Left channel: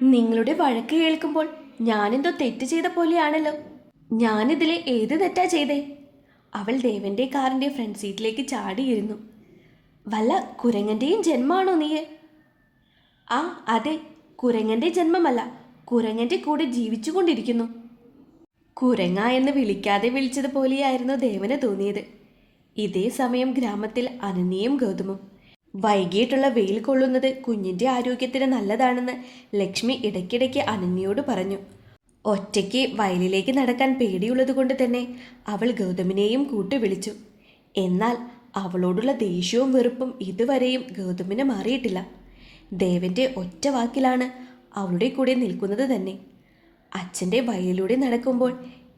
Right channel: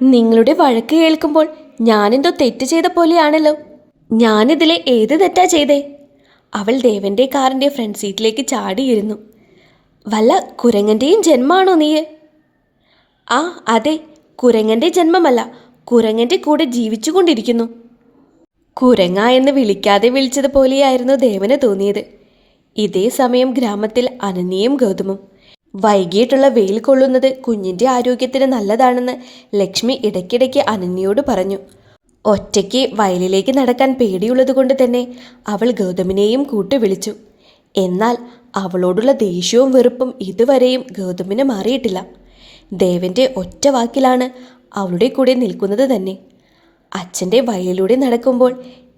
നിങ്ങളുടെ വഴക്ക് കേൾക്കുമ്പോൾ ഞാനെന്തോ തെറ്റ് ചെയ്ത പോലെയാണല്ലോ. ഞാനിതിലെ ഏത് തെറ്റാ ചെയ്തേ? അവൾ ദേവന്റെ കാറിന്റെ ഫ്രണ്ട് സീറ്റിലേക്ക് ചാടിയിരുന്നു. വല്ല കുരങ്ങന്റെയും ജന്മാണോ നീ? ആ അതെ, കുരങ്ങന്റെ ജന്മമല്ല, കുരങ്ങന്റെ കൂടെ ജീവിച്ചുകൊണ്ടിരിക്കുന്നു. കുരങ്ങ എന്ന് വിളിക്കാതെ വിളിച്ചതുപോലെയായിരുന്നു ദേവന് തോന്നിയത്. ഇതേ സമയം ഗ്രാമത്തിൽ അനന്യയും ഗൗതമും. വൈകിട്ടുള്ള വെയിൽ കൊള്ളുന്നത് കുഞ്ഞിൻ്റെ ആരോഗ്യത്തിന് നല്ലതാണെന്ന് ലക്ഷ്മി ഇടയ്ക്കിടയ്ക്ക് അനന്യയോട് പറഞ്ഞു. ഒറ്റയ്ക്ക് വയലിലേക്ക് നടക്കാൻ പേടിയുള്ളതുകൊണ്ട് തന്നെ അവൾ ഗൗതമിനെയും കൂട്ടുവിളിച്ചു. എന്നാൽ അവളോടുള്ള ദേഷ്യവും വെറുപ്പും ഇതുവരെയും ഗൗതമിന് മാറിയിട്ടില്ല. ദേവന്റെ ഒറ്റ വാക്കിലാണ് അവളുടെ കൂടെ നിൽക്കുന്നത് തന്നെ. അച്ഛൻ്റെ വയലിലൂടെ നടക്കുമ്പോൾ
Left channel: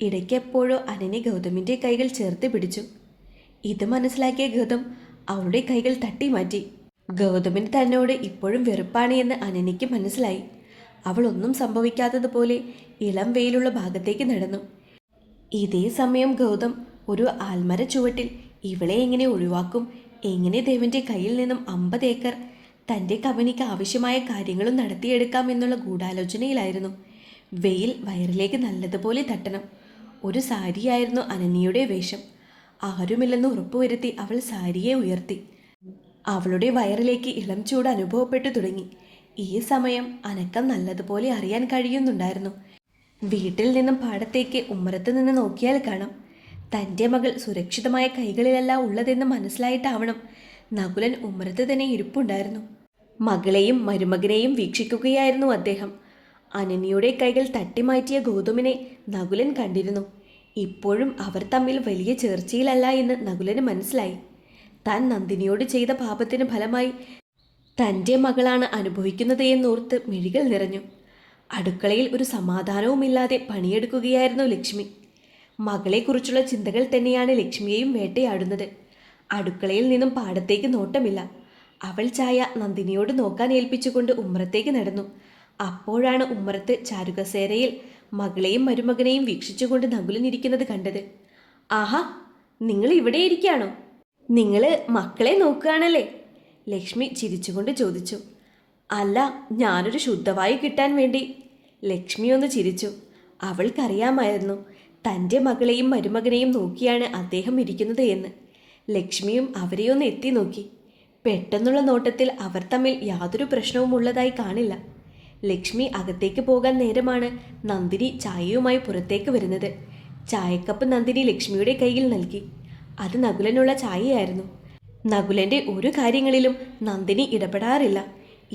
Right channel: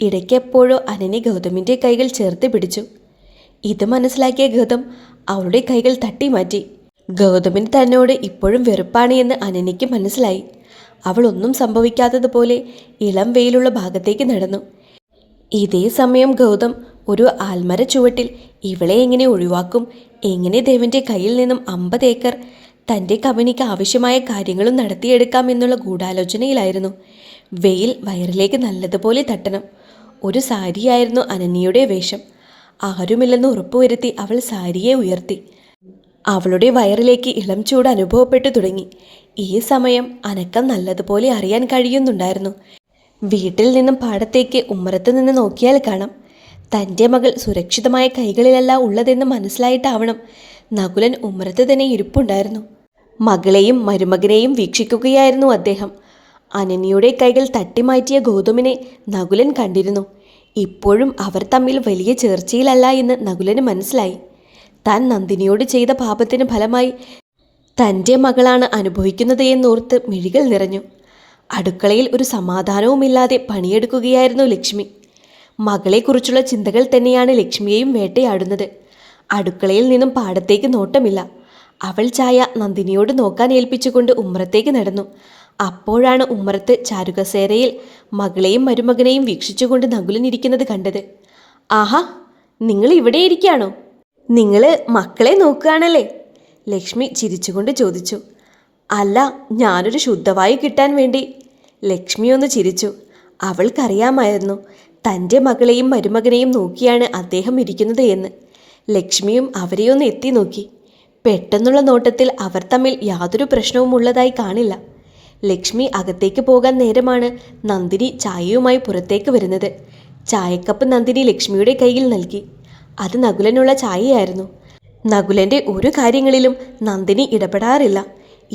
ഇടയ്ക്കെപ്പോഴോ അനന്യ ഗൗതമിൻ്റെ കൈകൾ ചേർത്ത് പിടിച്ചു. ഇത് മനസ്സിലാക്കിയ ഗൗതം അവളുടെ കൈകൾ തട്ടിമാറ്റി. ഗൗതമിന് തന്നോട് ഇപ്പോഴും വെറുപ്പാണ് എന്ന് അനന്യയ്ക്ക് മനസ്സിലായി. അവൾ ഒന്നും സംഭവിക്കാത്തതുപോലെ ഇളം വെയിലുള്ള ഭാഗത്തേക്ക് നടന്നു. ഇതേ സമയം ഗൗതം ഒരു ആൽമര ചുവട്ടിൽ ഇവളെ എങ്ങനെ ഒഴിവാക്കും, എങ്ങനെ ദേവന്റെ കയ്യിൽ നിന്നും 50 ഏക്കർ തൻ്റെ കമ്പനിക്ക് ആവശ്യമായ കാര്യങ്ങളും നടത്തിയെടുക്കാം എന്നുള്ള ഗൂഢാലോചനയിലായിരുന്നു. വെയിൽ വയറിലേക്ക് നല്ലതുപോലെ തട്ടണം. ഒരു സാരിയായിരുന്നു അനന്യയുടെ വേഷം. ആരുമില്ലെന്ന് ഉറപ്പുവരുത്തി അവൾ സാരിയെ ഉയർത്തി. അവളുടെ വയറിലേക്ക് ഇളം ചൂട് അനുഭവപ്പെട്ടു തുടങ്ങി. ഈ സമയം അനക്കം നല്ലതുപോലെ അറിയാൻ കഴിയുന്നുണ്ടായിരുന്നു. വീട്ടിൽ നിന്നും പാടത്തേക്ക് ഉമ്മറത്ത് നിന്ന് നോക്കിയാൽ കാണാം, തൻ്റെ മകൾ സുരക്ഷിതമായ കൈകളിലല്ല ഉള്ളതെന്ന് മനസ്സിലായിട്ടാവണം നകുലൻ ഉമ്മറത്ത് തന്നെ ഇരിപ്പുണ്ടായിരുന്നു. മകളെയും മരുമകനെയും വീക്ഷിക്കുകയായിരുന്നു അദ്ദേഹം. അനന്യയുടെ കൈകൾ തട്ടിമാറ്റിയ ഗൗതമിനെ നകുലൻ കണ്ടിരുന്നു. ഇപ്പോഴും അവർ തമ്മിൽ വലിയ ചേർച്ചയിലല്ല എന്ന് നകുലന് മനസ്സിലായി. താൻ നന്ദിനിയോട് ചെയ്ത പാപത്തിന് ഫലമായി തൻ്റെ മകളാണ് അനുഭവിക്കുന്നത് എന്നോർത്ത് മിഴികൾ നിറഞ്ഞു. അടുക്കളയിൽ ഒരു സമാധാനവുമില്ലാതെ പണിയെടുക്കുകയായിരുന്നു ലക്ഷ്മി. മകളെക്കുറിച്ചുള്ള ചിന്തകൾ തന്നെയാണ് ലക്ഷ്മിയെയും വേട്ടയാടുന്നത്. അടുക്കളയിൽ നിന്നും പാടത്തേക്ക് നോട്ടമില്ല. അവൾ ചായ നന്ദിനിയോട് നോക്കാൻ ഏൽപ്പിച്ചുകൊണ്ട് ഉമ്മറത്തേക്ക് നടന്നു. അപ്പോഴാണ് ഉമ്മറത്ത് ചാരുകസേരയിൽ മകളെയും മരുമകനെയും വീക്ഷിച്ചുകൊണ്ട് നകുലൻ ഇരിക്കുന്നത് കണ്ടത്. ആഹാ, നിങ്ങൾ ഇവിടെ ഇരിക്കുകയാണോ? നിങ്ങൾ മക്കളെ നോക്കുകയാണല്ലേ? ലക്ഷ്മി ചിരിച്ചുകൊണ്ട് ചോദിച്ചു. അല്ല, ഞാനൊരു ശുദ്ധവായു കിട്ടാൻ വേണ്ടി. ലക്ഷ്മി ഒന്ന് ചിരിച്ചു. അവൾക്കറിയാമായിരുന്നു തൻ്റെ മകളെയും മരുമകനെയും നോക്കിയാണ് അദ്ദേഹം ഇരിക്കുന്നത് എന്ന്. ലക്ഷ്മിയും അവരെയൊന്ന് എത്തി നോക്കി. പെട്ടെന്നുള്ള നോട്ടത്തിൽ അവർ തമ്മിൽ യാതൊരു പ്രശ്നവും ഉള്ളതായി കാണില്ല. ലക്ഷ്മി അകത്തേക്ക് പോകാൻ നേരമാണ് നന്ദിനി ചായയുമായി പുറത്തേക്ക് വരുന്നത്. ചായക്കപ്പ് നന്ദിനി ലക്ഷ്മിയുടെ കയ്യിൽ നൽകി. അത് നകുലനുള്ള ചായയായിരുന്നു. നകുലൻ്റെ ഒരു കാര്യങ്ങളിലും നന്ദിനി ഇടപെടാറില്ല.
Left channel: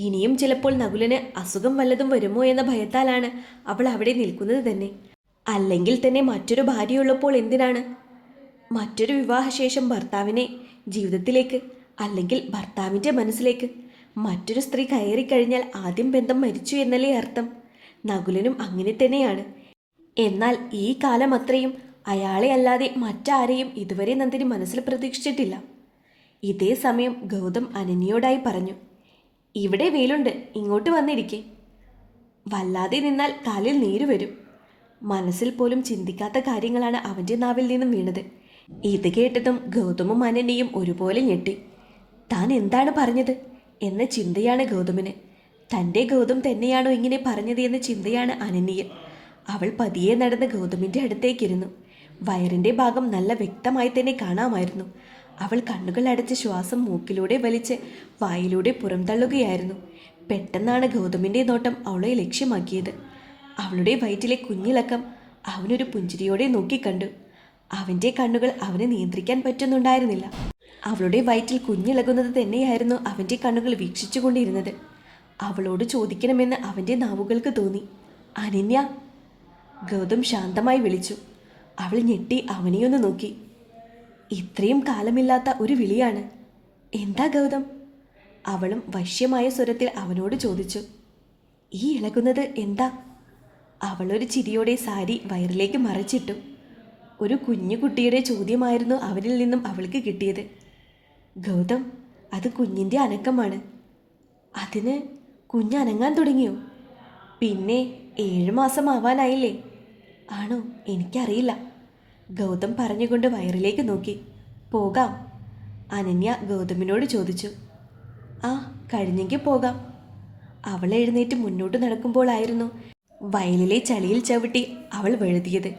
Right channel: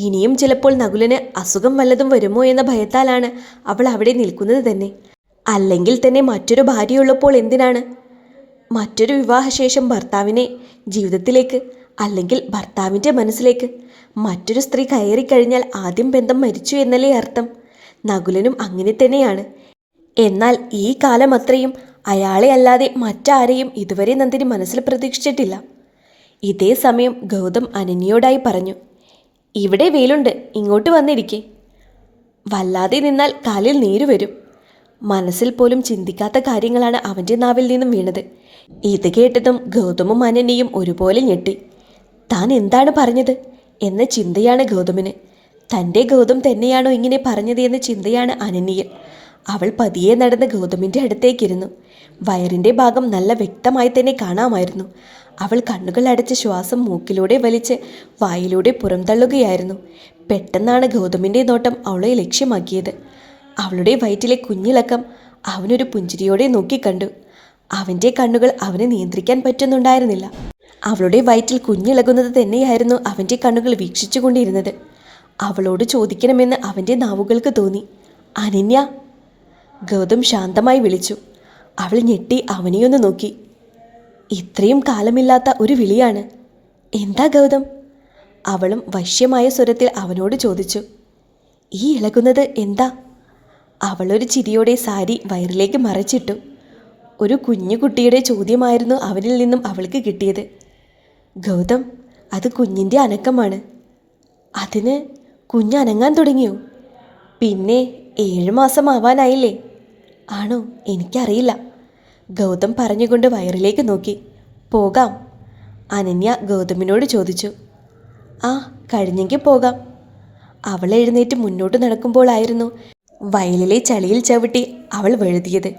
ഇനിയും ചിലപ്പോൾ നകുലന് അസുഖം വല്ലതും വരുമോ എന്ന ഭയത്താലാണ് അവൾ അവിടെ നിൽക്കുന്നത് തന്നെ. അല്ലെങ്കിൽ തന്നെ മറ്റൊരു ഭാര്യയുള്ളപ്പോൾ എന്തിനാണ് മറ്റൊരു വിവാഹശേഷം ഭർത്താവിനെ ജീവിതത്തിലേക്ക്, അല്ലെങ്കിൽ ഭർത്താവിൻ്റെ മനസ്സിലേക്ക് മറ്റൊരു സ്ത്രീ കയറിക്കഴിഞ്ഞാൽ ആദ്യം ബന്ധം മരിച്ചു എന്നല്ലേ അർത്ഥം? നകുലനും അങ്ങനെ തന്നെയാണ്. എന്നാൽ ഈ കാലം അത്രയും അയാളെ അല്ലാതെ മറ്റാരെയും ഇതുവരെ നന്ദിനി മനസ്സിൽ പ്രതീക്ഷിച്ചിട്ടില്ല. ഇതേ സമയം ഗൗതം അനന്യയോടായി പറഞ്ഞു. ഇവിടെ വെയിലുണ്ട്, ഇങ്ങോട്ട് വന്നിരിക്കെ. വല്ലാതെ നിന്നാൽ കാലിൽ നീര് വരും. മനസ്സിൽ പോലും ചിന്തിക്കാത്ത കാര്യങ്ങളാണ് അവൻ്റെ നാവിൽ നിന്നും വീണത്. ഇത് കേട്ടതും ഗൗതമും അനന്യയും ഒരുപോലെ ഞെട്ടി. താൻ എന്താണ് പറഞ്ഞത് എന്ന ചിന്തയാണ് ഗൗതമിന്. തൻ്റെ ഗൗതം തന്നെയാണോ ഇങ്ങനെ പറഞ്ഞത് എന്ന ചിന്തയാണ് അനന്യയും. അവൾ പതിയെ നടന്ന് ഗൗതമിൻ്റെ അടുത്തേക്കിരുന്നു. വയറിൻ്റെ ഭാഗം നല്ല വ്യക്തമായി തന്നെ കാണാമായിരുന്നു. അവൾ കണ്ണുകൾ അടച്ച് ശ്വാസം മൂക്കിലൂടെ വലിച്ച് വായിലൂടെ പുറംതള്ളുകയായിരുന്നു. പെട്ടെന്നാണ് ഗൗതമിൻ്റെ നോട്ടം അവളെ ലക്ഷ്യമാക്കിയത്. അവളുടെ വയറ്റിലെ കുഞ്ഞിളക്കം അവനൊരു പുഞ്ചിരിയോടെ നോക്കിക്കണ്ടു. അവൻ്റെ കണ്ണുകൾ അവനെ നിയന്ത്രിക്കാൻ പറ്റുന്നുണ്ടായിരുന്നില്ല. അവളുടെ വയറ്റിൽ കുഞ്ഞിളകുന്നത് തന്നെയായിരുന്നു അവൻ്റെ കണ്ണുകൾ വീക്ഷിച്ചുകൊണ്ടിരുന്നത്. അവളോട് ചോദിക്കണമെന്ന് അവൻ്റെ നാവുകൾക്ക് തോന്നി. അനന്യ, ഗൗതം ശാന്തമായി വിളിച്ചു. അവൾ ഞെട്ടി അവനെയൊന്ന് നോക്കി. ഇത്രയും കാലമില്ലാത്ത ഒരു വിളിയാണ്. എന്താ ഗൗതം? അവളും വശ്യമായ സ്വരത്തിൽ അവനോട് ചോദിച്ചു. ഈ ഇളകുന്നത് എന്താ? അവളൊരു ചിരിയോടെ സാരി വയറിലേക്ക് മറച്ചിട്ടു. ഒരു കുഞ്ഞു കുട്ടിയുടെ ചോദ്യമായിരുന്നു അവനിൽ നിന്നും അവൾക്ക് കിട്ടിയത്. ഗൗതം, അത് കുഞ്ഞിൻ്റെ അനക്കമാണ്. അതിന് കുഞ്ഞനങ്ങാൻ തുടങ്ങിയോ? പിന്നെ 7 മാസം ആവാനായില്ലേ? ആണോ? എനിക്കറിയില്ല. ഗൗതം പറഞ്ഞുകൊണ്ട് വയറിലേക്ക് നോക്കി. പോകാം? അനന്യ ഗൗതമിനോട് ചോദിച്ചു. ആ, കഴിഞ്ഞെങ്കിൽ പോകാം. അവൾ എഴുന്നേറ്റ് മുന്നോട്ട് നടക്കുമ്പോഴായിരുന്നു വയലിലെ ചളിയിൽ ചവിട്ടി അവൾ വഴുതിയത്.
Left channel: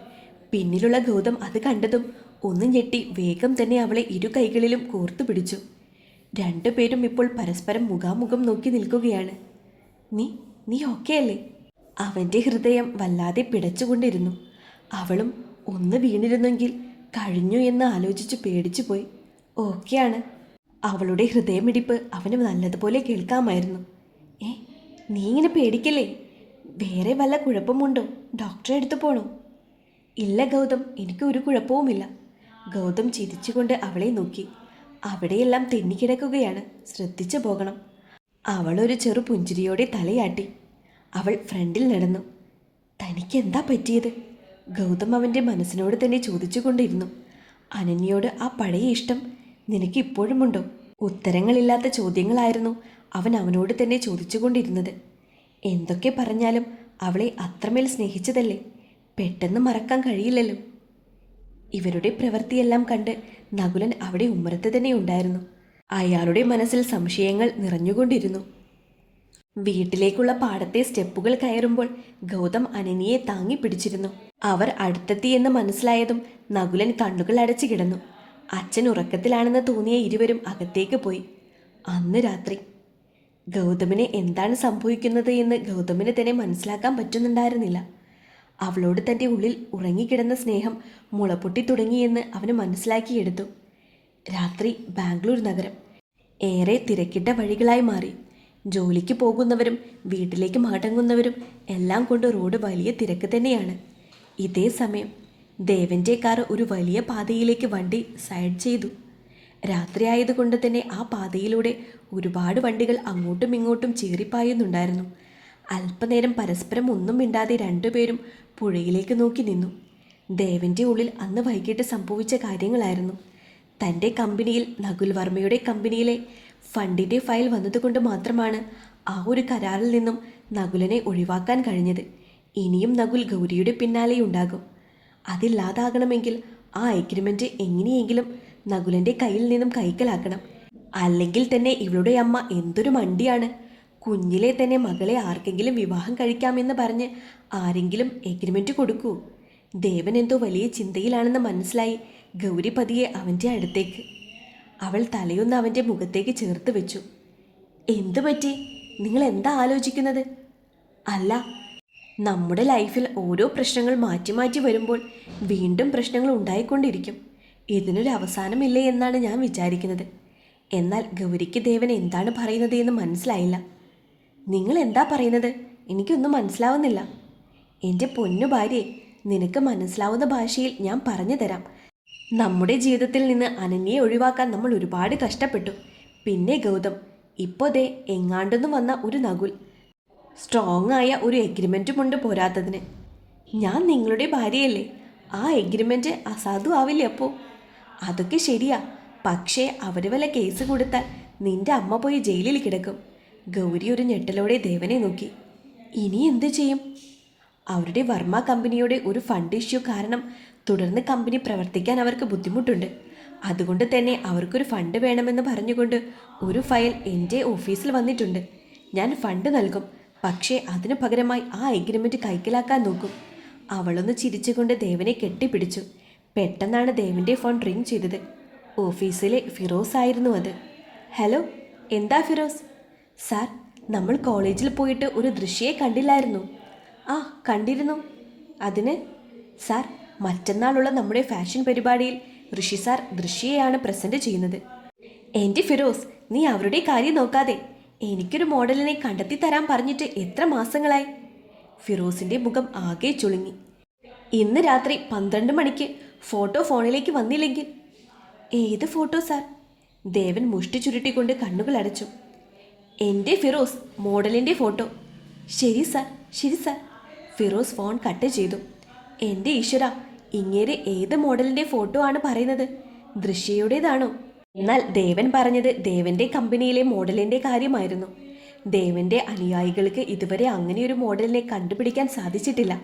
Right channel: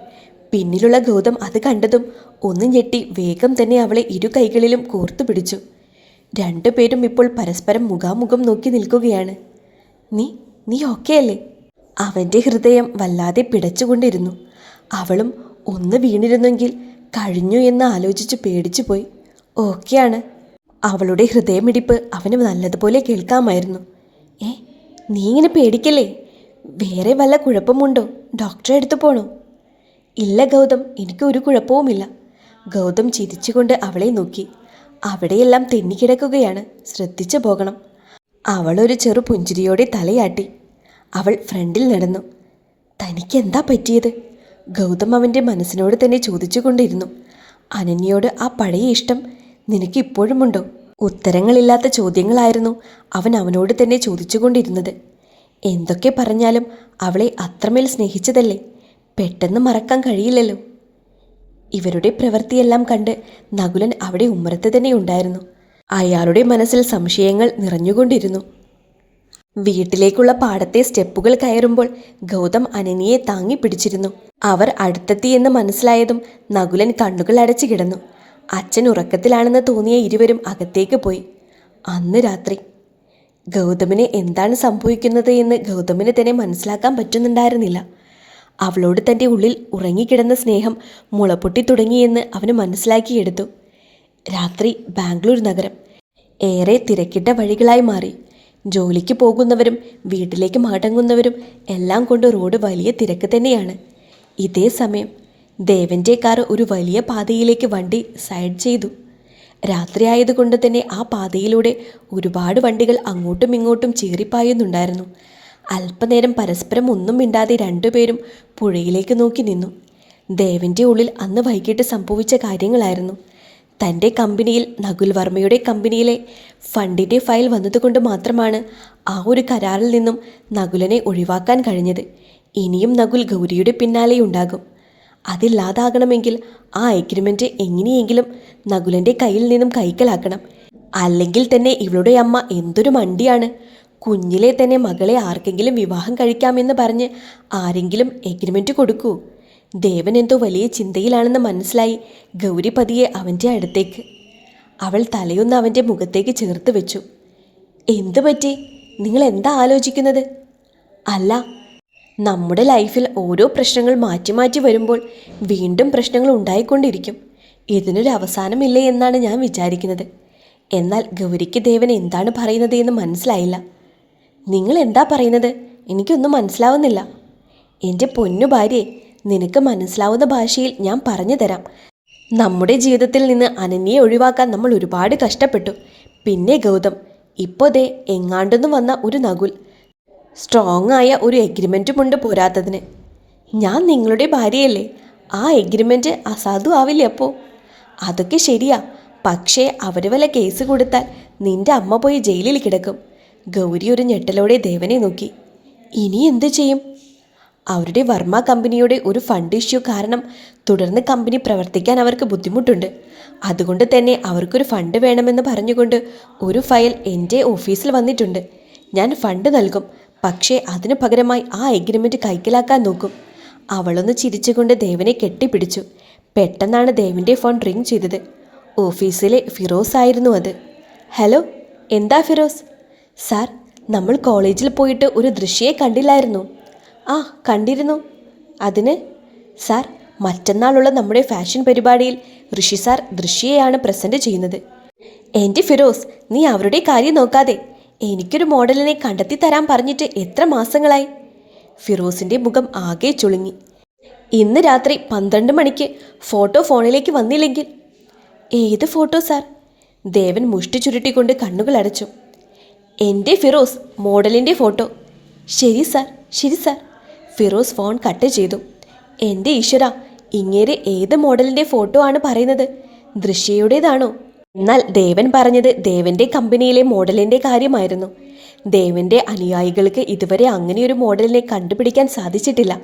പിന്നിലുള്ള ഗൗതം അത് കണ്ടതും ഒന്ന് ഞെട്ടി വേഗം തന്നെ അവളെ ഇരു കൈകളിലും കോർത്തു പിടിച്ചു. രണ്ടുപേരും ഇപ്പോൾ പരസ്പരം മുഖാമുഖം നോക്കി നിൽക്കുകയാണ്. നീ നീ ഓക്കെ അല്ലേ? അവൻ്റെ ഹൃദയം വല്ലാതെ പിടച്ചുകൊണ്ടിരുന്നു. അവളും ഒന്ന് വീണിരുന്നെങ്കിൽ കഴിഞ്ഞു എന്ന് ആലോചിച്ച് പേടിച്ചു പോയി. ഓക്കെയാണ്. അവളുടെ ഹൃദയമിടിപ്പ് അവന് നല്ലതുപോലെ കേൾക്കാമായിരുന്നു. നീ ഇങ്ങനെ പേടിക്കല്ലേ? വേറെ വല്ല കുഴപ്പമുണ്ടോ? ഡോക്ടറെ അടുത്ത് പോണോ? ഇല്ല ഗൗതം, എനിക്ക് ഒരു കുഴപ്പവുമില്ല. ഗൗതം ചിരിച്ചുകൊണ്ട് അവളെ നോക്കി. അവിടെയെല്ലാം തെന്നിക്കിടക്കുകയാണ്, ശ്രദ്ധിച്ചു പോകണം. അവളൊരു ചെറു പുഞ്ചിരിയോടെ തലയാട്ടി. അവൾ ഫ്രണ്ടിൽ നടന്നു. തനിക്കെന്താ പറ്റിയത്? ഗൗതം അവൻ്റെ മനസ്സിനോട് തന്നെ ചോദിച്ചുകൊണ്ടിരുന്നു. അനന്യയോട് ആ പഴയ ഇഷ്ടം നിനക്ക് ഇപ്പോഴുമുണ്ടോ? ഉത്തരങ്ങളില്ലാത്ത ചോദ്യങ്ങളായിരുന്നു അവൻ അവനോട് തന്നെ ചോദിച്ചുകൊണ്ടിരുന്നത്. എന്തൊക്കെ പറഞ്ഞാലും അവളെ അത്രമേൽ സ്നേഹിച്ചതല്ലേ, പെട്ടെന്ന് മറക്കാൻ കഴിയില്ലല്ലോ. ഇവരുടെ പ്രവൃത്തിയെല്ലാം കണ്ട് നകുലൻ അവിടെ ഉമ്മറത്ത് തന്നെ ഉണ്ടായിരുന്നു. അയാളുടെ മനസ്സിൽ സംശയങ്ങൾ നിറഞ്ഞുകൊണ്ടിരുന്നു. വീട്ടിലേക്കുള്ള പാടത്തെ സ്റ്റെപ്പുകൾ കയറുമ്പോൾ ഗൗതം അനനിയെ താങ്ങി പിടിച്ചിരുന്നു. അവർ അടുത്തെത്തിയെന്ന് മനസ്സിലായതും നകുലൻ കണ്ണുകൾ അടച്ചു കിടന്നു. അച്ഛൻ ഉറക്കത്തിലാണെന്ന് തോന്നിയ ഇരുവരും അകത്തേക്ക് പോയി. അന്ന് രാത്രി ഗൗതമിന് എന്താണ് സംഭവിക്കുന്നത് എന്ന് ഗൗതമിന് തന്നെ മനസ്സിലാക്കാൻ പറ്റുന്നുണ്ടായിരുന്നില്ല. അവളോട് തൻ്റെ ഉള്ളിൽ ഉറങ്ങിക്കിടന്ന സ്നേഹം മുളപ്പൊട്ടി തുടങ്ങിയെന്ന് അവന് മനസ്സിലാക്കിയെടുത്തു. രാത്രി ബാംഗ്ലൂർ നഗരം ഏറെ തിരക്കിട്ട വഴികളായി മാറി. ജോലിക്ക് പോകുന്നവരും വീട്ടിലേക്ക് മടങ്ങുന്നവരും എല്ലാം കൊണ്ട് റോഡ് വലിയ തിരക്ക് തന്നെയാണ്. ഇതേ സമയം ദേവൻ്റെ കാർ ഒരു വലിയ പാതയിലേക്ക് വണ്ടി സൈഡ് ചെയ്തു. രാത്രിയായതുകൊണ്ട് തന്നെ ആ പാതയിലൂടെ ഒരുപാട് വണ്ടികൾ അങ്ങോട്ടും ഇങ്ങോട്ടും ചീറിപ്പായുന്നുണ്ടായിരുന്നു. അല്പനേരം പരസ്പരം ഒന്നും മിണ്ടാതെ രണ്ടുപേരും പുഴയിലേക്ക് നോക്കി നിന്നു. ദേവൻ്റെ ഉള്ളിൽ അന്ന് വൈകിട്ട് സംഭവിച്ച കാര്യങ്ങളായിരുന്നു. തൻ്റെ കമ്പനിയിൽ നകുൽ വർമ്മയുടെ കമ്പനിയിലെ ഫണ്ടിൻ്റെ ഫയൽ വന്നതുകൊണ്ട് മാത്രമാണ് ആ ഒരു കരാറിൽ നിന്നും നകുലനെ ഒഴിവാക്കാൻ കഴിഞ്ഞത്. ഇനിയും നകുൽ ഗൗരിയുടെ പിന്നാലെയുണ്ടാകും. അതില്ലാതാകണമെങ്കിൽ ആ എഗ്രിമെൻ്റ് എങ്ങനെയെങ്കിലും നകുലൻ്റെ കയ്യിൽ നിന്നും കൈക്കലാക്കണം. അല്ലെങ്കിൽ തന്നെ ഇവളുടെ അമ്മ എന്തൊരു മണ്ടിയാണ്. കുഞ്ഞിലെ തന്നെ മകളെ ആർക്കെങ്കിലും വിവാഹം കഴിക്കാമെന്ന് പറഞ്ഞ് ആരെങ്കിലും എഗ്രിമെൻ്റ് കൊടുക്കൂ. ദേവൻ എന്തോ വലിയ ചിന്തയിലാണെന്ന് മനസ്സിലായി ഗൗരി പതിയെ അവൻ്റെ അടുത്തേക്ക്. അവൾ തലയൊന്ന് അവൻ്റെ മുഖത്തേക്ക് ചേർത്ത് വെച്ചു. എന്തു പറ്റി? നിങ്ങൾ എന്താ ആലോചിക്കുന്നത്? അല്ല, നമ്മുടെ ലൈഫിൽ ഓരോ പ്രശ്നങ്ങൾ മാറ്റി മാറ്റി വരുമ്പോൾ വീണ്ടും പ്രശ്നങ്ങൾ ഉണ്ടായിക്കൊണ്ടിരിക്കും. ഇതിനൊരു അവസാനമില്ലേ എന്നാണ് ഞാൻ വിചാരിക്കുന്നത്. എന്നാൽ ഗൗരിക്ക് ദേവൻ എന്താണ് പറയുന്നത് എന്ന് മനസ്സിലായില്ല. നിങ്ങൾ എന്താ പറയുന്നത്? എനിക്കൊന്നും മനസ്സിലാവുന്നില്ല. എൻ്റെ പൊന്നു ഭാര്യയെ, നിനക്ക് മനസ്സിലാവുന്ന ഭാഷയിൽ ഞാൻ പറഞ്ഞു തരാം. നമ്മുടെ ജീവിതത്തിൽ നിന്ന് അനന്യയെ ഒഴിവാക്കാൻ നമ്മൾ ഒരുപാട് കഷ്ടപ്പെട്ടു. പിന്നെ ഗൗതം, ഇപ്പോൾ ദേ എങ്ങാണ്ടെന്ന് വന്ന ഒരു നകുൽ. സ്ട്രോങ് ആയ ഒരു എഗ്രിമെൻറ്റുമുണ്ട് പോരാത്തതിന്. ഞാൻ നിങ്ങളുടെ ഭാര്യയല്ലേ? ആ എഗ്രിമെൻറ്റ് അസാധു ആവില്ലേ അപ്പോൾ? അതൊക്കെ ശരിയാ, പക്ഷേ അവർ വല്ല കേസ് കൊടുത്താൽ നിന്റെ അമ്മ പോയി ജയിലിൽ കിടക്കും. ഗൗരി ഒരു ഞെട്ടലോടെ ദേവനെ നോക്കി. ഇനി എന്ത് ചെയ്യും? അവരുടെ വർമ്മ കമ്പനിയുടെ ഒരു ഫണ്ട് ഇഷ്യൂ കാരണം തുടർന്ന് കമ്പനി പ്രവർത്തിക്കാൻ അവർക്ക് ബുദ്ധിമുട്ടുണ്ട്. അതുകൊണ്ട് തന്നെ അവർക്കൊരു ഫണ്ട് വേണമെന്ന് പറഞ്ഞുകൊണ്ട് ഒരു ഫയൽ എൻ്റെ ഓഫീസിൽ വന്നിട്ടുണ്ട്. ഞാൻ ഫണ്ട് നൽകും, പക്ഷേ അതിനു പകരമായി ആ എഗ്രിമെൻറ്റ് കൈക്കലാക്കാൻ നോക്കും. അവളൊന്ന് ചിരിച്ചുകൊണ്ട് ദേവനെ കെട്ടിപ്പിടിച്ചു. പെട്ടെന്നാണ് ദേവിൻ്റെ ഫോൺ റിങ് ചെയ്തത്. ഓഫീസിലെ ഫിറോസ് ആയിരുന്നു അത്. ഹലോ, എന്താ ഫിറോസ്? സാർ, നമ്മൾ കോളേജിൽ പോയിട്ട് ഒരു ദൃശ്യയെ കണ്ടില്ലായിരുന്നു? ആ, കണ്ടിരുന്നു. അതിന്? സാർ, മറ്റന്നാളുള്ള നമ്മുടെ ഫാഷൻ പരിപാടിയിൽ ഋഷി സാർ ദൃശ്യയാണ് പ്രസൻറ്റ് ചെയ്യുന്നത്. എൻ്റെ ഫിറോസ്, നീ അവരുടെ കാര്യം നോക്കാതെ എനിക്കൊരു മോഡലിനെ കണ്ടെത്തി തരാൻ പറഞ്ഞിട്ട് എത്ര മാസങ്ങളായി? ഫിറോസിൻ്റെ മുഖം ആകെ ചുളുങ്ങി. ഇന്ന് രാത്രി 12 മണിക്ക് ഫോട്ടോ ഫോണിലേക്ക് വന്നില്ലെങ്കിൽ? ഏത് ഫോട്ടോ സാർ? ദേവൻ മുഷ്ടി ചുരുട്ടിക്കൊണ്ട് കണ്ണുകൾ അടച്ചു. എൻ്റെ ഫിറോസ്, മോഡലിൻ്റെ ഫോട്ടോ. ശരി സാർ, ശരി സാർ. ഫിറോസ് ഫോൺ കട്ട് ചെയ്തു. എൻ്റെ ഈശ്വര, ഇങ്ങേരെ ഏത് മോഡലിൻ്റെ ഫോട്ടോ ആണ് പറയുന്നത്? ദൃശ്യയുടേതാണോ? എന്നാൽ ദേവൻ പറഞ്ഞത് ദേവൻ്റെ കമ്പനിയിലെ മോഡലിൻ്റെ കാര്യമായിരുന്നു. ദേവൻ്റെ അനുയായികൾക്ക് ഇതുവരെ അങ്ങനെയൊരു മോഡലിനെ കണ്ടുപിടിക്കാൻ സാധിച്ചിട്ടില്ല.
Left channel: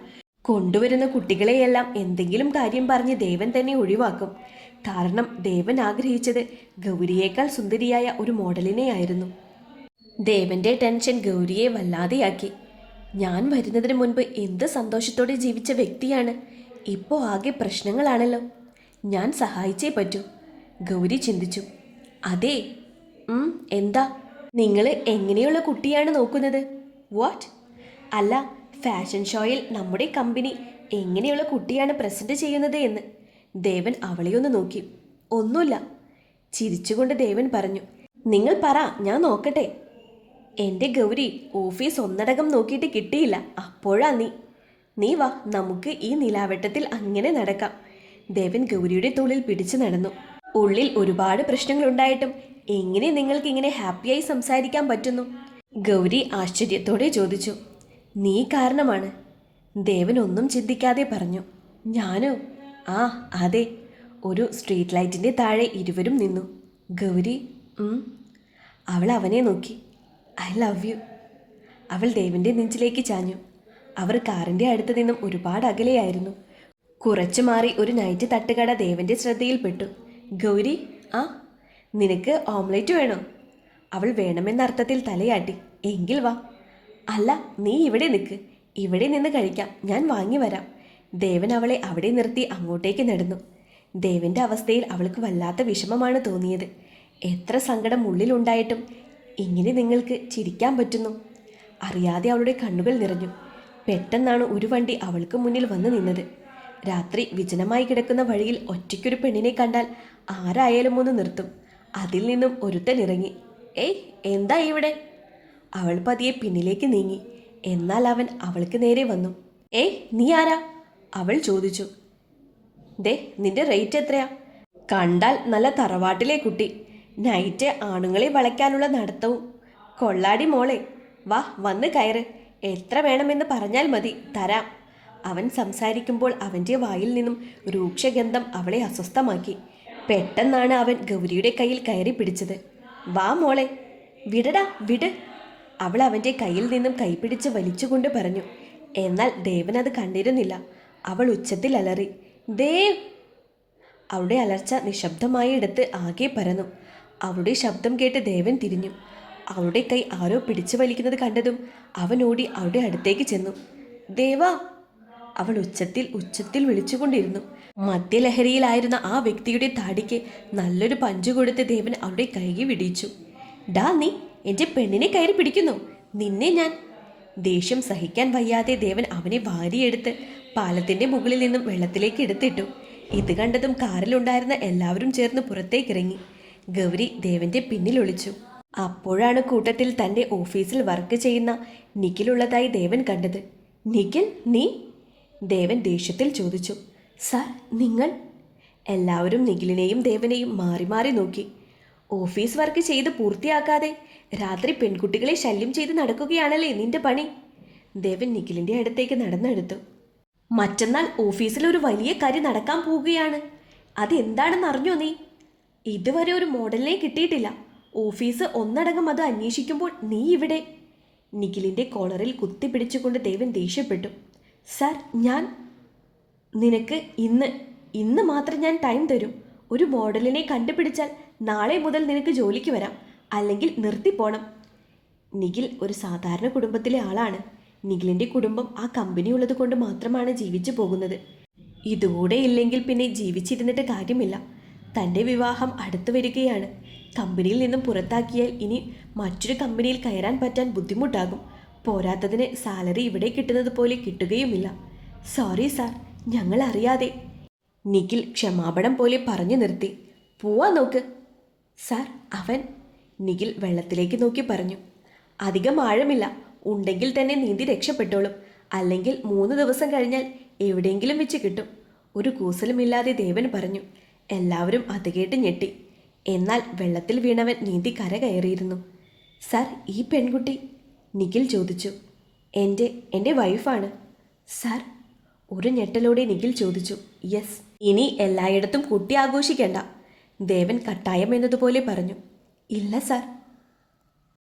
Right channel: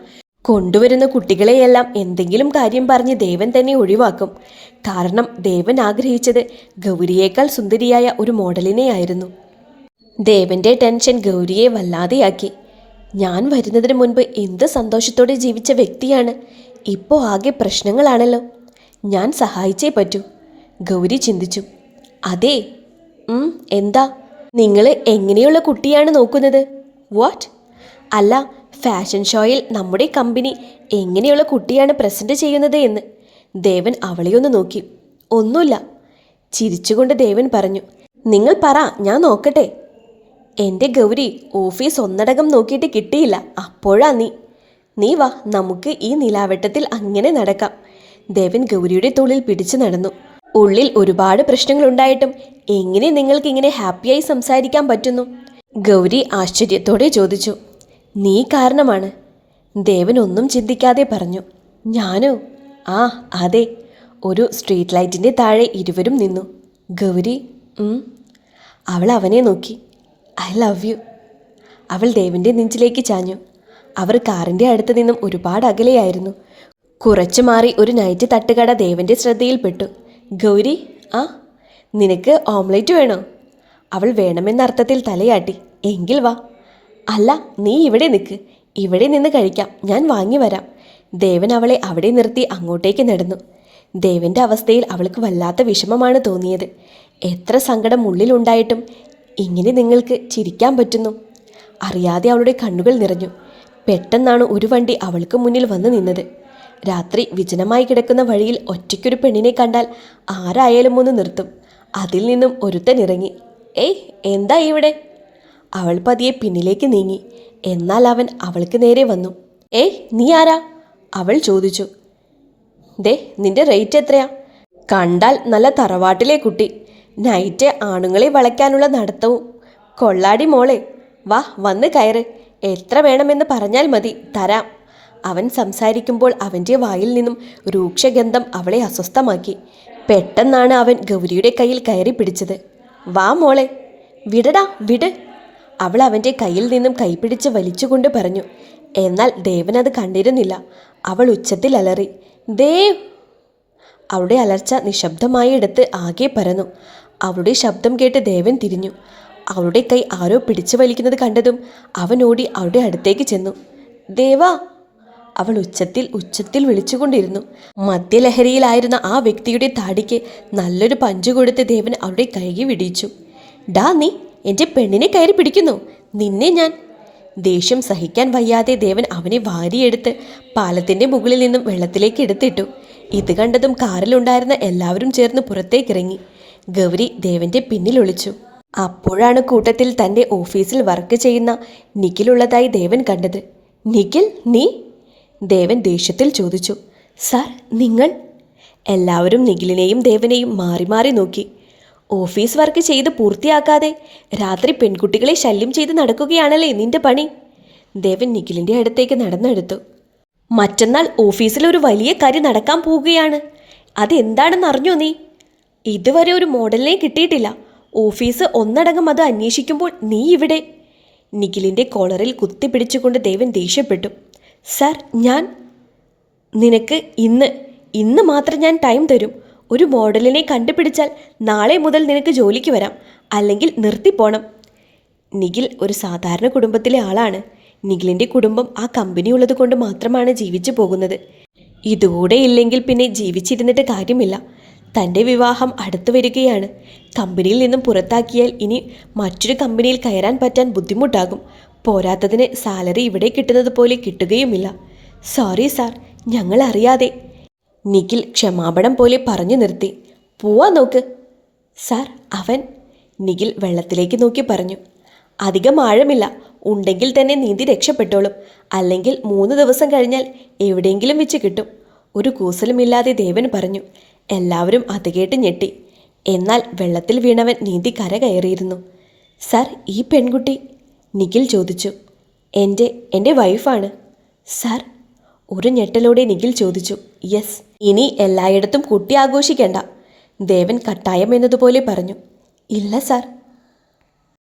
കൊണ്ടുവരുന്ന കുട്ടികളെയെല്ലാം എന്തെങ്കിലും കാര്യം പറഞ്ഞ് ദേവൻ തന്നെ ഒഴിവാക്കും. കാരണം ദേവൻ ആഗ്രഹിച്ചത് ഗൗരിയേക്കാൾ സുന്ദരിയായ ഒരു മോഡലിനെയായിരുന്നു. ദേവൻ്റെ ടെൻഷൻ ഗൗരിയെ വല്ലാതെയാക്കി. ഞാൻ വരുന്നതിന് മുൻപ് എന്ത് സന്തോഷത്തോടെ ജീവിച്ച വ്യക്തിയാണ്, ഇപ്പോൾ ആകെ പ്രശ്നങ്ങളാണല്ലോ. ഞാൻ സഹായിച്ചേ പറ്റൂ, ഗൗരി ചിന്തിച്ചു. അതെ. എന്താ? നിങ്ങൾ എങ്ങനെയുള്ള കുട്ടിയാണ് നോക്കുന്നത്? വാട്ട്? അല്ല, ഫാഷൻ ഷോയിൽ നമ്മുടെ കമ്പനി എങ്ങനെയുള്ള കുട്ടിയാണ് പ്രസൻറ്റ് ചെയ്യുന്നത് എന്ന്. ദേവൻ അവളെയൊന്ന് നോക്കി. ഒന്നുമില്ല. ചിരിച്ചുകൊണ്ട് ദേവൻ പറഞ്ഞു. നിങ്ങൾ പറ, ഞാൻ നോക്കട്ടെ. എൻ്റെ ഗൗരി, ഓഫീസ് ഒന്നടങ്കം നോക്കിയിട്ട് കിട്ടിയില്ല, അപ്പോഴാ നീ വാ, നമുക്ക് ഈ നിലാവെട്ടത്തിൽ അങ്ങനെ നടക്കാം. ദേവൻ ഗൗരിയുടെ തോളിൽ പിടിച്ചു നടന്നു. ഉള്ളിൽ ഒരുപാട് പ്രശ്നങ്ങളുണ്ടായിട്ടും എങ്ങനെ നിങ്ങൾക്ക് ഇങ്ങനെ ഹാപ്പിയായി സംസാരിക്കാൻ പറ്റുന്നു? ഗൗരി ആശ്ചര്യത്തോടെ ചോദിച്ചു. നീ കാരണമാണ്. ദേവൻ ഒന്നും ചിന്തിക്കാതെ പറഞ്ഞു. ഞാനോ? ആ അതെ. ഒരു സ്ട്രീറ്റ് ലൈറ്റിൻ്റെ താഴെ ഇരുവരും നിന്നു. ഗൗരി അവൾ അവനെ നോക്കി. I love you. അവൾ ദേവൻ്റെ നെഞ്ചിലേക്ക് ചാഞ്ഞു. അവർ കാറിൻ്റെ അടുത്ത് നിന്നും ഒരുപാട് അകലെയായിരുന്നു. കുറച്ചു മാറി ഒരു നൈറ്റ് തട്ടുകട ദേവൻ്റെ ശ്രദ്ധയിൽപ്പെട്ടു. ഗൗരി, നിനക്ക് ഓംലേറ്റ് വേണോ? അവൾ വേണമെന്ന അർത്ഥത്തിൽ തലയാട്ടി. എങ്കിൽ വാ. അല്ല, നീ ഇവിടെ നിൽക്ക്, ഇവിടെ നിന്ന് കഴിക്കാം, ഞാൻ വാങ്ങി വരാം. ദേവൻ അവളെ അവിടെ നിർത്തി അങ്ങോട്ടേക്ക് നടന്നു. ദേവൻ്റെ അവസ്ഥയിൽ അവൾക്ക് വല്ലാത്ത വിഷമമാണ് തോന്നിയത്. എത്ര സങ്കടം ഉള്ളിലുണ്ടായിട്ടും ഇങ്ങനെ നിങ്ങൾക്ക് ചിരിക്കാൻ പറ്റുന്നു? അറിയാതെ അവളുടെ കണ്ണുകൾ നിറഞ്ഞു. പെട്ടെന്നാണ് ഒരു വണ്ടി അവൾക്ക് മുന്നിൽ വന്നു നിന്നത്. രാത്രി വിജനമായി കിടക്കുന്ന വഴിയിൽ ഒറ്റയ്ക്കൊരു പെണ്ണിനെ കണ്ടാൽ ആരായാലും ഒന്ന് നിർത്തും. അതിൽ നിന്നും ഒരുത്തൻ ഇറങ്ങി. ഏയ്, എന്താ ഇവിടെ? അവൾ പതിയെ പിന്നിലേക്ക് നീങ്ങി. എന്നാൽ അവൻ അവൾക്ക് നേരെ വന്നു. ഏയ്, നീ ആരാ? അവൾ ചോദിച്ചു. ദേ, നിന്റെ റേറ്റ് എത്രയാ? കണ്ടാൽ നല്ല തറവാട്ടിലെ കുട്ടി. നൈറ്റ് ആണുങ്ങളെ വളയ്ക്കാനുള്ള നടത്തവും. കൊള്ളാടി മോളെ, വാ, വന്ന് കയറ്. എത്ര വേണമെന്ന് പറഞ്ഞാൽ മതി, തരാം. അവൻ സംസാരിക്കുമ്പോൾ അവൻ്റെ വായിൽ നിന്നും രൂക്ഷഗന്ധം അവളെ അസ്വസ്ഥമാക്കി. പെട്ടെന്നാണ് അവൻ ഗൗരിയുടെ കയ്യിൽ കയറി പിടിച്ചത്. വാ മോളെ. വിടടാ, വിട്. അവൾ അവൻ്റെ കയ്യിൽ നിന്നും കൈപിടിച്ച് വലിച്ചുകൊണ്ട് പറഞ്ഞു. എന്നാൽ ദേവൻ അത് കണ്ടിരുന്നില്ല. അവൾ ഉച്ചത്തിൽ അലറി. ദേവ്! അവളുടെ അലർച്ച നിശബ്ദമായ ഇടത്ത് ആകെ പരന്നു. അവളുടെ ശബ്ദം കേട്ട് ദേവൻ തിരിഞ്ഞു. അവളുടെ കൈ ആരോ പിടിച്ചു വലിക്കുന്നത് കണ്ടതും അവൻ ഓടി അവളുടെ അടുത്തേക്ക് ചെന്നു. ദേവാ! അവൾ ഉച്ചത്തിൽ വിളിച്ചുകൊണ്ടിരുന്നു. മദ്യലഹരിയിലായിരുന്ന ആ വ്യക്തിയുടെ താടിക്ക് നല്ലൊരു പഞ്ചു കൊടുത്ത് ദേവൻ അവളുടെ കൈകി വിടിയിച്ചു. ഡാ, നീ എൻ്റെ പെണ്ണിനെ കയറി പിടിക്കുന്നു, നിന്നെ ഞാൻ. ദേഷ്യം സഹിക്കാൻ വയ്യാതെ ദേവൻ അവനെ വാരിയെടുത്ത് പാലത്തിൻ്റെ മുകളിൽ നിന്നും വെള്ളത്തിലേക്ക് എടുത്തിട്ടു. ഇത് കണ്ടതും കാറിലുണ്ടായിരുന്ന എല്ലാവരും ചേർന്ന് പുറത്തേക്കിറങ്ങി. ഗൗരി ദേവൻ്റെ പിന്നിൽ ഒളിച്ചു. അപ്പോഴാണ് കൂട്ടത്തിൽ തൻ്റെ ഓഫീസിൽ വർക്ക് ചെയ്യുന്ന നിഖിലുള്ളതായി ദേവൻ കണ്ടത്. നിഖിൽ, നീ? ദേവൻ ദേഷ്യത്തിൽ ചോദിച്ചു. സാർ, നിങ്ങൾ? എല്ലാവരും നിഖിലിനെയും ദേവനെയും മാറി മാറി നോക്കി. ഓഫീസ് വർക്ക് ചെയ്ത് പൂർത്തിയാക്കാതെ രാത്രി പെൺകുട്ടികളെ ശല്യം ചെയ്ത് നടക്കുകയാണല്ലേ നിന്റെ പണി? ദേവൻ നിഖിലിൻ്റെ അടുത്തേക്ക് നടന്നെടുത്തു. മറ്റന്നാൾ ഓഫീസിൽ ഒരു വലിയ കാര്യം നടക്കാൻ പോവുകയാണ്. അതെന്താണെന്ന് അറിഞ്ഞോ നീ? ഇതുവരെ ഒരു മോഡലിനെ കിട്ടിയിട്ടില്ല. ഓഫീസ് ഒന്നടങ്കം അത് അന്വേഷിക്കുമ്പോൾ നീ ഇവിടെ. നിഖിലിൻ്റെ കോളറിൽ കുത്തിപ്പിടിച്ചുകൊണ്ട് ദേവൻ ദേഷ്യപ്പെട്ടു. സാർ, നിനക്ക് ഇന്ന് മാത്രം ഞാൻ ടൈം തരും. ഒരു മോഡലിനെ കണ്ടുപിടിച്ചാൽ നാളെ മുതൽ നിനക്ക് ജോലിക്ക് വരാം, അല്ലെങ്കിൽ നിർത്തിപ്പോണം. നിഖിൽ ഒരു സാധാരണ കുടുംബത്തിലെ ആളാണ്. നിഖിലിൻ്റെ കുടുംബം ആ കമ്പനി ഉള്ളത് കൊണ്ട് മാത്രമാണ് ജീവിച്ചു പോകുന്നത്. ഇതുകൂടെ ഇല്ലെങ്കിൽ പിന്നെ ജീവിച്ചിരുന്നിട്ട് കാര്യമില്ല. തൻ്റെ വിവാഹം അടുത്തു വരികയാണ്. കമ്പനിയിൽ നിന്നും പുറത്താക്കിയാൽ ഇനി മറ്റൊരു കമ്പനിയിൽ കയറാൻ പറ്റാൻ ബുദ്ധിമുട്ടാകും. പോരാത്തതിന് സാലറി ഇവിടെ കിട്ടുന്നത് പോലെ കിട്ടുകയുമില്ല. സോറി സാർ, ഞങ്ങൾ അറിയാതെ. നിഖിൽ ക്ഷമാപണം പോലെ പറഞ്ഞു നിർത്തി. പോവാ നോക്ക്. സാർ, അവൻ. നിഖിൽ വെള്ളത്തിലേക്ക് നോക്കി പറഞ്ഞു. അധികം ആഴമില്ല, ഉണ്ടെങ്കിൽ തന്നെ നീന്തി രക്ഷപ്പെട്ടോളും. അല്ലെങ്കിൽ 3 ദിവസം കഴിഞ്ഞാൽ എവിടെയെങ്കിലും വെച്ച് കിട്ടും. ഒരു കൂസലുമില്ലാതെ ദേവൻ പറഞ്ഞു. എല്ലാവരും അത് കേട്ട് ഞെട്ടി. എന്നാൽ വെള്ളത്തിൽ വീണവൻ നീന്തി കര കയറിയിരുന്നു. സാർ, ഈ പെൺകുട്ടി? നിഖിൽ ചോദിച്ചു. എൻ്റെ വൈഫാണ് സാർ. ഒരു ഞെട്ടലോടെ നിഖിൽ ചോദിച്ചു. യെസ്. ഇനി എല്ലായിടത്തും കുട്ടി ആഘോഷിക്കേണ്ട, ദേവൻ കട്ടായം എന്നതുപോലെ പറഞ്ഞു. ഇല്ല സാർ.